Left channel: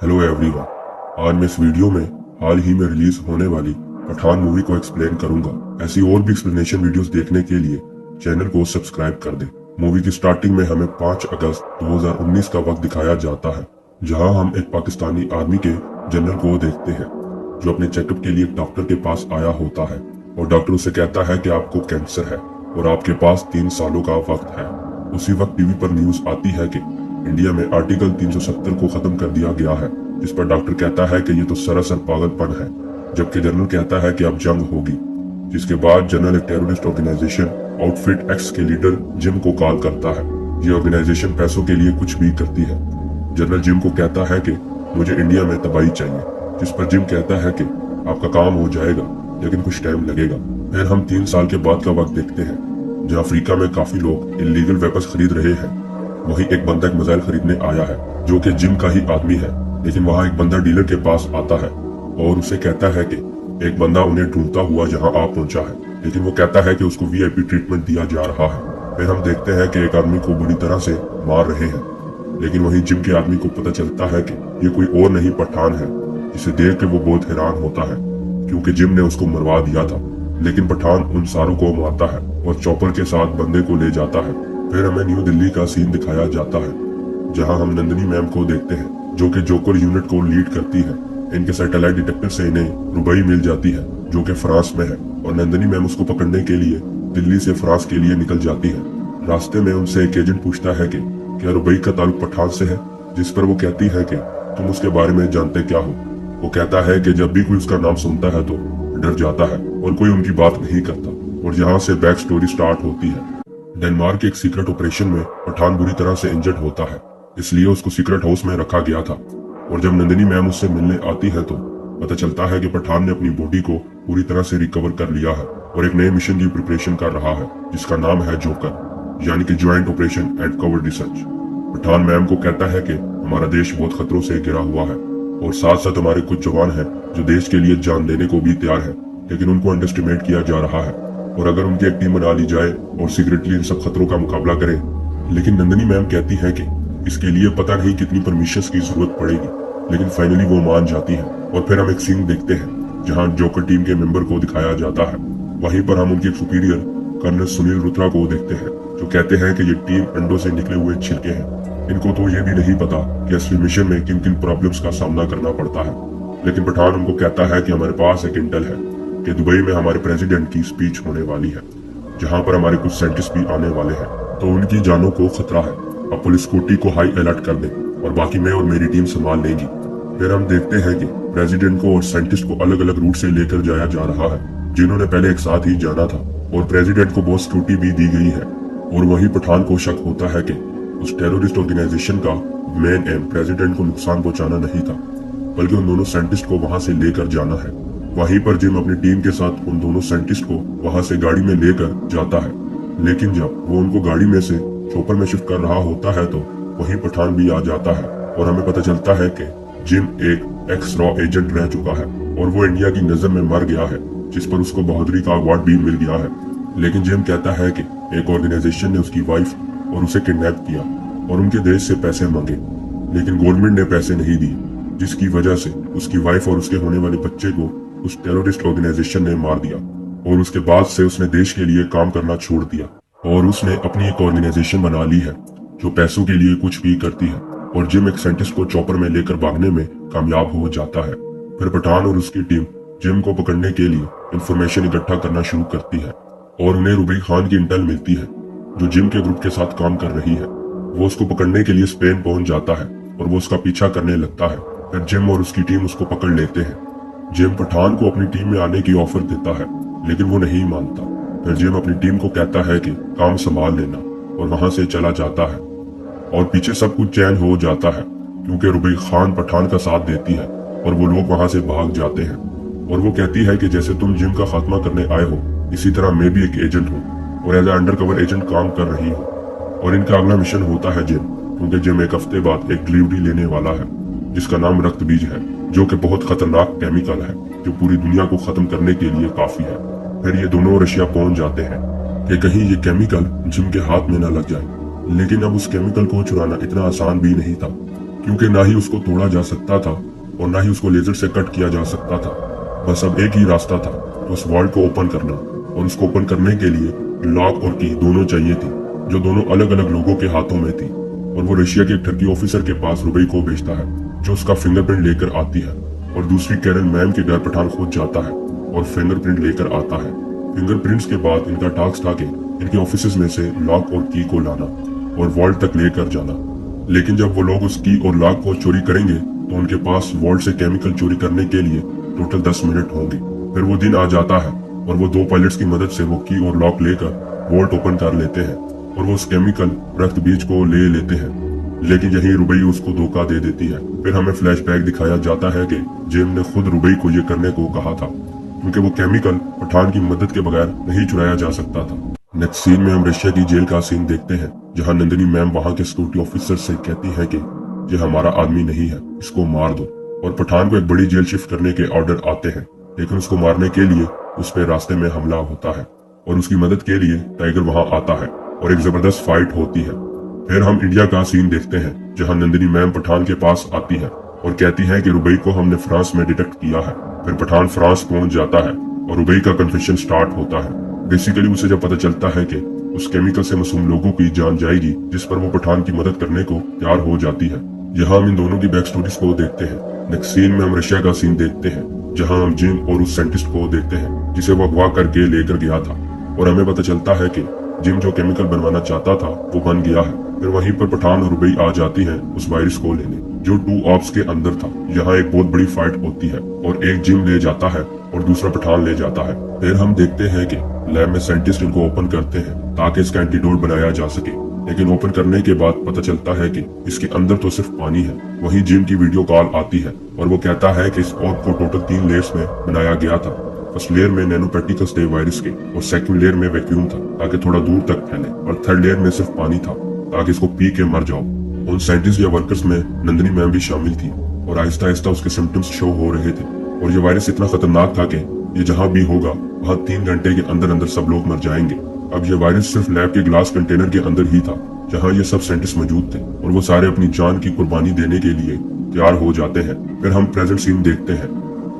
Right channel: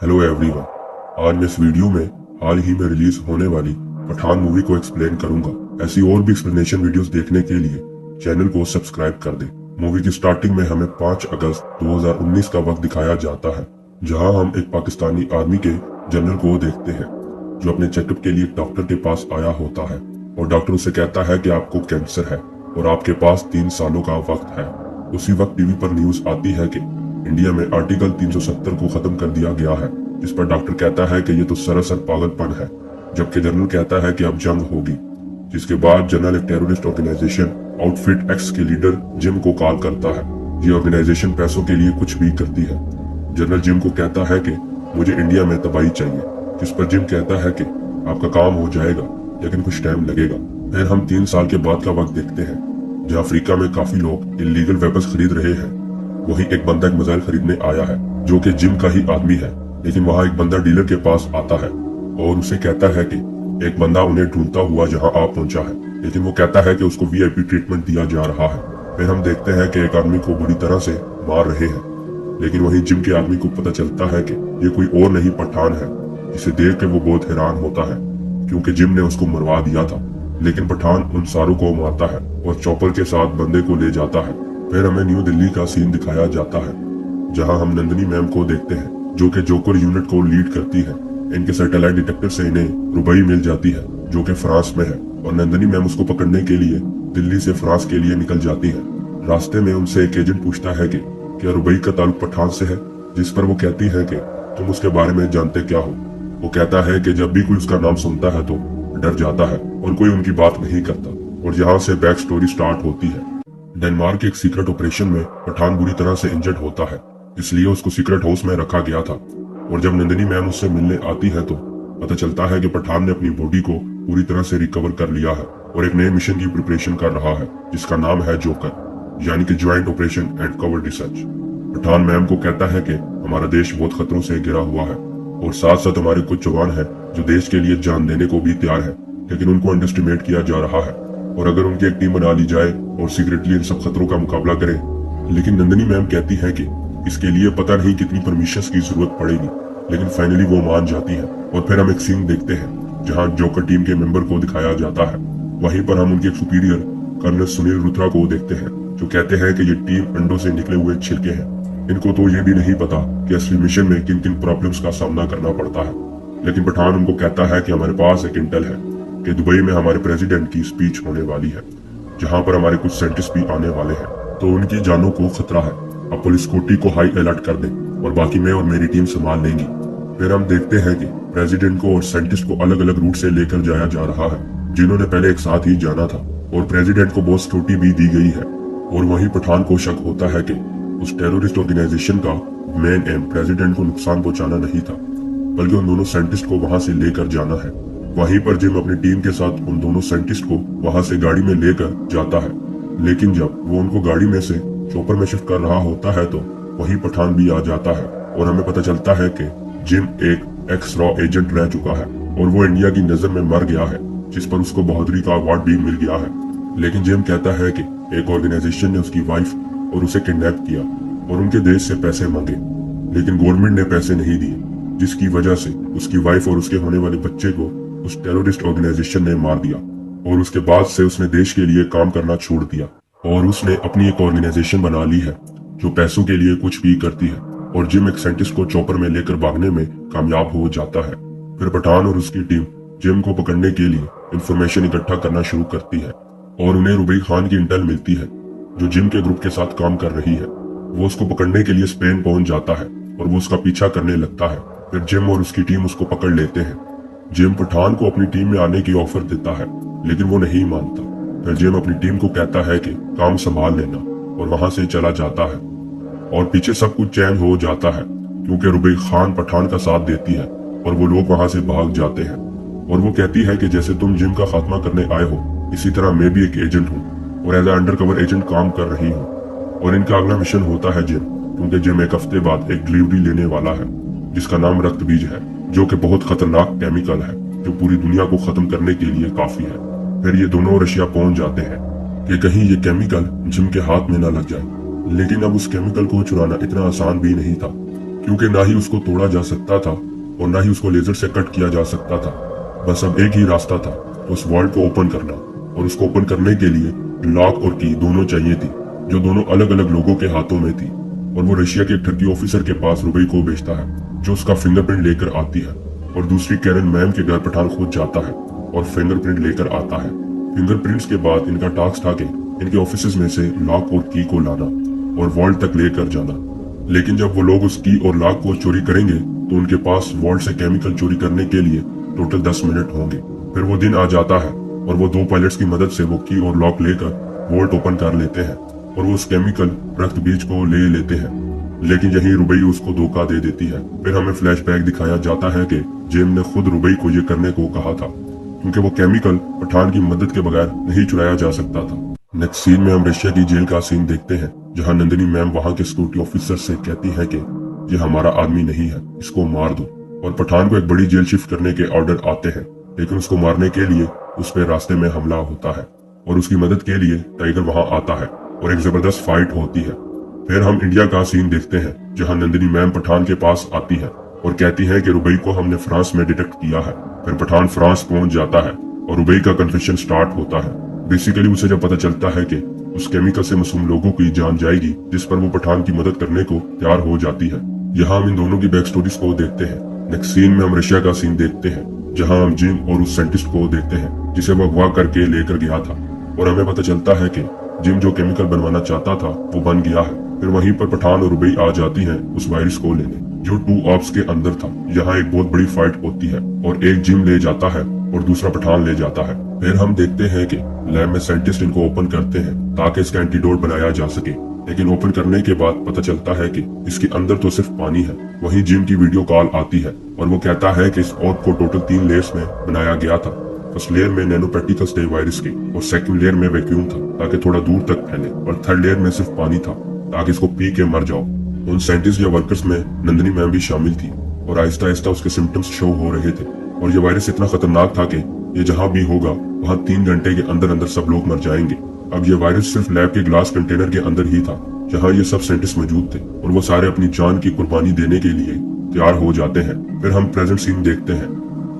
Hello everyone. आज मैं इस वीडियो में हाल ही में रिलीज होने वाली पठान मूवी को एक्सप्लेन करूंगा। ऐसी और भी एक्सप्लेनेशन वीडियोस देखने के लिए चैनल को सब्सक्राइब कर दें। मूवी की स्टार्टिंग में हमें 5 अगस्त 2019 का वक्त दिखाया जाता है, जहां हम एक पाकिस्तानी आर्मी के जनरल को देखते हैं जो अपने चेकअप के लिए एक डॉक्टर के पास आया होता है और डॉक्टर उसे कहता है कि आपको कैंसर है और आपके पास 3 सालों का वक्त है। उसी वक्त टीवी पर न्यूज आती है कि इंडिया में आर्टिकल 370 को खत्म कर दिया गया है, जिस पर डॉक्टर कहता है कि ये तो सरासर पागलपन है, जबकि जनरल कहता है कि अब जंग होगी। जिसके बाद जनरल एक टेररिस्ट ऑर्गेनाइजेशन आउटफिट एक्स के लीडर जिम को कॉल करता है। ये ऑर्गेनाइजेशन पैसों के लिए कुछ भी करती है। जनरल जिम को कहता है कि मुझे इंडिया में तबाही चाहिए, जिस पर जिम कहता है कि आपका काम हो जाएगा लेकिन कुछ टाइम लगेगा। फिर हम 3 साल के बाद का वक्त देखते हैं, जहाँ अफ्रीका में काफी लोग इलीगल वेपन्स खरीद रहे हैं। वही एक बंदा एक मिसाइल खरीदने आया है जो कि जिम का ही आदमी है, लेकिन वहाँ एक बंदा डीलर के पास आता है और उसे कहता है कि एक बंदा उन्हें ढूंढता हुआ जहाँ आप पहुंचा है, लेकिन वो कहता है कि उसको वीआईपी ट्रीटमेंट दिया जा रहा है। फिर हम देखते हैं कि एक आदमी को बुरी तरह से मार रहे हैं, लेकिन वही जिम के आदमी को पता चलता है कि ये कोई और नहीं पठान है। इसे देख के वो बहुत हैरान होता है क्योंकि जिम ने उसको मरवा दिया था, लेकिन पठान उन सारों को मारता है और चॉपर के साथ बंदे को ले जाता है। फिर हमें न्यू दिल्ली का सीन दिखाया जाता है, जहां हम नंदिनी मैम को देखते हैं जो कि जोकर यूनिट को लीड करती है। इनके सैटेलाइट डिटेक्टर से इन्हें रुबई मिल जाती है जो कि फ्रांस में है, और नंदिनी मैम उसको पकड़ने के लिए दिल्ली से फ्रांस के लिए निकल जाती है। रास्ते में उनसे एक एजेंट पूछता है कि क्या रुबई का ताल्लुक पठान से है, जिस पर वो कहती है कि तुम उसके बारे में जानते क्या हो। वो कहता है कि जब भी कोई उसका नाम सुनता है तो डर जाता है और कोई उनकी बात नहीं करता, और यहाँ से बैक स्टोरी स्टार्ट होती है। डेनमार्क के एक सीक्रेट ऑपरेशन में पठान बुरी तरह से इंजर्ड होता है, इसलिए उसको सीक्रेट हाउस में रखा गया था। और जब नंदिनी मैम उससे मिलने आती है तो पता चलता है कि पठान ने अपनी बॉडी को पूरी तरह से रिकवर कर लिया है और एक नए मिशन की प्रिपरेशन कर रहा है, जिसका नाम है जोकर, यानी कि joint operation at cover research. Pathan ma'am को कहता है कि हमारा देश बहुत खतरों से घिरा हुआ है और साथ साथ हमारे कुछ जवान हैं जो देश के लिए जान देने को भी तैयार है, लेकिन उनको अंडरस्टिमेट किया जा रहा है और अगर उनकी एक टीम बना ली जाए और सीक्रेटली इन सब खतरों का मुकाबला करें। लेकिन नंदिनी मैम कहती है कि इसके लिए पता नहीं कितनी परमिशन की जरूरत पड़ेगी, लेकिन फाइनली वो मान जाती है। और फिर हम एक सीन देखते हैं जहां जोकर टीम के मेंबर को दिखाया जाता है। वहीं पर हम उनके सुपीरियर कर्नल सुनील रुत्रा को देखते हैं जो कहते हैं कि ये टीम अंडों से निकले हुए छिलके हैं। इनको तो ये भी नहीं पता कि असली मिशन में किन किन प्रॉब्लम्स का सामना करना पड़ता है। लेकिन पठान उनको कहता है कि हमारे पास एक इंटेल है कि दुबई में हमारे प्रेसिडेंट की स्पीच होने वाली है, जहां पर हमारे कुछ साइंटिस्ट भी आने वाले हैं, तो उनकी जानों को खतरा है। अब पुलिस कोटी को हाई अलर्ट कर दे और बाकी मैं और मेरी टीम संभाल लेंगी। फिर हम देखते हैं कि प्रेसिडेंट को और साइंटिस्ट को अलग अलग रूट से लेकर जाया जा रहा है, जिन्होंने पहले एक साथ ही जाना था, और प्रेसिडेंट को बहुत सिक्योरिटी भी दी गई है। और वही पठान को शक होता है कि उस टेररिस्ट ऑर्गेनाइजेशन का मेन एम प्रेसिडेंट को नुकसान पहुंचाना नहीं था, बल्कि उन दोनों साइंटिस्ट को वहां से लेकर जाना है। वहीं पर जिम अपनी टीम के साथ उन दोनों साइंटिस्ट को वहां से गाड़ी में लेकर जाता है, लेकिन जब वो उनको गाड़ी में से चॉपर में शिफ्ट कर रहा होता है तो वहीं पठान भी आ जाता है और हमें पता चलता है कि जिम एक एक्स रॉ एजेंट रह चुका है और वो इंडिया की नजर में मर गया है, जिस पर उसको बहादुरी का अवार्ड भी मिल गया है। लेकिन जिम कहता है कि एक ऑर्गेनाइजेशन ने उसकी वाइफ और उसे किडनैप किया और उनके देश से पैसे मांगे, लेकिन गवर्नमेंट ने पैसे नहीं दिए, जिसकी वजह से उसकी वाइफ और उसके होने वाले बच्चे को उस टेररिस्ट ऑर्गेनाइजेशन ने मार दिया। और उसके बाद से उसने देश के लिए काम करना छोड़ दिया और उसने अपनी एक ऑर्गेनाइजेशन बना ली है जो पैसों के लिए कुछ भी करती है। और जिम एक साइंटिस्ट को चॉपर में लेकर भागने में कामयाब हो जाता है। फिर पठान और उसकी टीम जिम को पकड़ने के लिए इंफॉर्मेशन इकट्ठा करना शुरू करती है और उन्हें रुबई खान की इंटेल मिलती है जो जिम के ग्रुप के साथ काम कर रही है। वो उसको पकड़ने के लिए स्पेन पहुंच जाता है और वो उसका पीछा करने लगता है। फिर जिम और उसकी टीम उसको पकड़ लेते हैं। जिम पठान को अपनी टीम में आने की ऑफर देता है, लेकिन वो नहीं मानता। फिर जिम अपनी टीम को कहता है कि काम संभाल लेना और वहां से चला जाता है। और पीछे सब कुछ चैन हो जाता है क्योंकि रुबई खान पठान का साथ देती है और वो लोग वहां से भाग जाते हैं। और वो कहती है कि जैसे तुम जिम का खात्मा करने आए हो, इसी तरह मैं भी एक एजेंट हूँ और एज अंडर कवर एजेंट काम कर रही हूँ। और इनका अगला मिशन होता है जिम, क्योंकि जिम एक हफ्ते बाद एक डिलीवरी लेने वाला है जिसका नाम रक्त बीज है, जो कि बहुत खतरनाक केमिकल है जो पूरी दुनिया को खत्म करने के लिए काफी है। फिर ये दोनों रशिया पहुंच जाते हैं कि कहीं ये केमिकल जिम के हाथ में न लग जाए, लेकिन अब उस केमिकल को चुराना इतना आसान भी नहीं था क्योंकि ना ही उसको तोड़ा जा सकता था और ना ही उसको लेजर से कट किया जा सकता था। बस अब एक ही रास्ता था, तो उस वर्ल्ड को ओपन करना, और उसको ओपन करने के लिए लॉक और की दोनों चाहिए थी, जो दोनों अलग अलग लोगों के हाथों में थी। और वो रशिया के एक टर्की ऑफिसर के पास रुबई को भेजता है, जो उसका फिंगरप्रिंट लेकर आती है। और दूसरी कैरन मैम के घर पठान खुद जाता है और फिंगरप्रिंट लेकर आता है। फिंगरप्रिंट्स के बाद इनका टास्क था कि इनके ऑफिस में से लॉक और की को लाना और वॉल्ट तक लेकर जाना। लेकिन जब वो लोग उस की और लॉक को चोरी करेंगे तो उनके पास वॉल्ट से केमिकल चोरी करने के लिए टोटल 10 मिनट होंगे। फिर वो दिन आ जाता है और वो 2 पायलट्स की मदद से वो की और लॉक लेकर वॉल्ट ओपन कर लेते हैं और वो उस केमिकल रक्त बीज को ले लेते हैं। लेकिन यही रुबई उसको धोखा दे देती है। फिर हमें फ्लैशबैक दिखाया जाता है कि जिम ने खुद रुबई को ये करने को कहा था, क्योंकि वो केमिकल पठान की मदद के बगैर नहीं चुराया जा सकता था। नेक्स्ट सीन में हम रशिया की जेल का सीन देखते हैं, जहां नंदिनी मैम वहां के सिक्योरिटी ऑफिसर से कहती है कि ये हमारा आदमी नहीं है, इसको मार दो। और पठान को एक बड़ी जेल शिफ्ट करने के ऑर्डर आते हैं, लेकिन उसको मारने के लिए उस पर रास्ते में हमला होता है और उसकी मदद के लिए टाइगर वहां आता है और एक जबरदस्त फाइट होती है। फिर हम इंडिया का सीन देखते हैं, जहां नंदिनी मैम पठान के पास आती है और कहती है कि रुबई को हमने फ्रांस में डिटेक्ट किया है। फिर पठान फ्रांस पहुंच जाता है और रुबई का कन्फेशन स्टार्ट होता है। बेसिकली उसे जब पता चलता है कि उस केमिकल से मासूम लोगों की जान जाएगी, जिस पर वो पठान की मदद करने को तैयार हो जाती है। यहाँ हम इन दोनों की बैक स्टोरीज को देखते हैं। नेक्स्ट सीन में हम रशिया का सीन देखते हैं, जहाँ हम जिम और उस साइंटिस्ट को देखते हैं जिसे वो अगवा करके लेकर गया था। और हमें पता चलता है कि जिम जो केमिकल बनवाना चाहता था वो बन गया है। फिर वहीं पर पठान और रुबई आ जाती है उस वायरस को लेने, जो 2 ऑप्स के अंदर था। यहाँ एक बहुत बड़ी फाइट होती है और एक जिम ले जाता है और दूसरा पठान ले जाता है। फिर हम देखते हैं कि लैब में साइंटिस्ट इनको ओपन करते हैं ताकि इसका एंटीडोट बनाया जा सके। लेकिन ओपन करने के बाद पता चलता है कि इसके अंदर तो सिर्फ पानी है। वहीं जिम की वीडियो कॉल आती है और वो कहता है कि इस ऑर्ब को टोटल 3 लेयर्स में बनाया गया था। फर्स्ट लेयर में नैनो पार्टिकल्स थे वायरस के, और सेकंड लेयर में वैक्यूम था ताकि थोड़ा दूर तक फैले, और थर्ड लेयर में सिर्फ पानी था ताकि इसको पी के मर जाओ। उन साइंटिस्ट या वर्कर्स में नंदिनी मैम भी शामिल थी और आहिस्ता आहिस्ता उसके सिम्टम्स शो हो रहे थे। और ये वायरस इतना खतरनाक था कि ये जहाँ भी होगा वहाँ 3 घंटे के अंदर अंदर सब लोग मर जाएंगे। अब ये वायरस सिर्फ लैब के ग्लास कंटेनर के अंदर ही था, जहाँ ये सब साइंटिस्ट मौजूद थे, और वो सारे अपनी जान की कुर्बानी देने के लिए तैयार हो जाते हैं। फिर हम प्रेजेंट सीन देखते हैं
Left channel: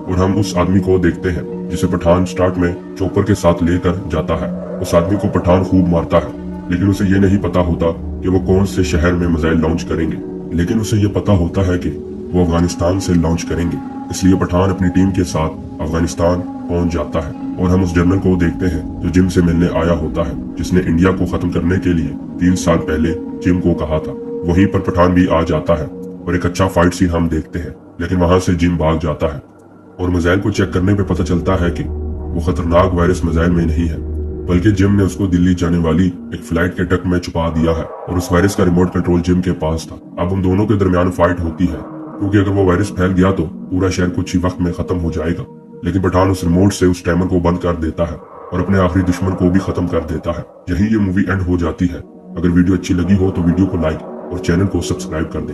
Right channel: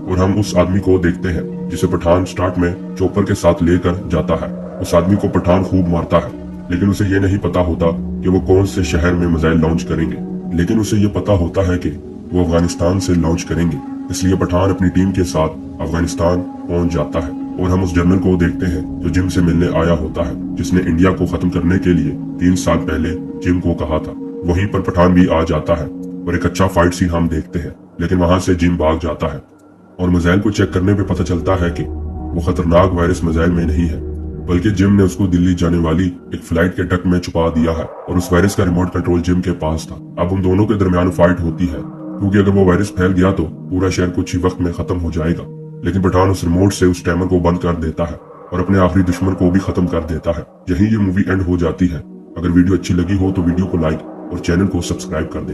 और हम उस आदमी को देखते हैं जिसे पठान स्टार्ट में चॉपर के साथ लेकर जाता है। उस आदमी को पठान खूब मारता है, लेकिन उसे ये नहीं पता होता कि वो कौन से शहर में मिसाइल लॉन्च करेंगे। लेकिन उसे ये पता होता है कि वो अफगानिस्तान से लॉन्च करेंगे, इसलिए पठान अपनी टीम के साथ अफगानिस्तान पहुंच जाता है। और हम उस जनरल को देखते हैं जो जिम से मिलने आया होता है, जिसने इंडिया को खत्म करने के लिए 3 साल पहले जिम को कहा था। वहीं पर पठान भी आ जाता है और एक अच्छा फाइट सीन हम देखते हैं, लेकिन वहां से जिम भाग जाता है और मिसाइल को चेक करने पे पता चलता है कि वो खतरनाक वायरस मिसाइल में नहीं है, बल्कि जिम ने उसको दिल्ली जाने वाली एक फ्लाइट के टक में छुपा दिया है और उस वायरस का रिमोट कंट्रोल जिम के पास था। अब उन दोनों के दरमियान फाइट होती है, क्योंकि अगर वो वायरस फैल गया तो पूरा शहर कुछ ही वक्त में खत्म हो जाएगा। लेकिन पठान उस रिमोट से उस टाइमर को बंद कर देता है और अपने आखिरी दुश्मन को भी खत्म कर देता है। यही ये मूवी एंड हो जाती है। अगर वीडियो अच्छी लगी हो तो वीडियो को लाइक और चैनल को सब्सक्राइब कर दे।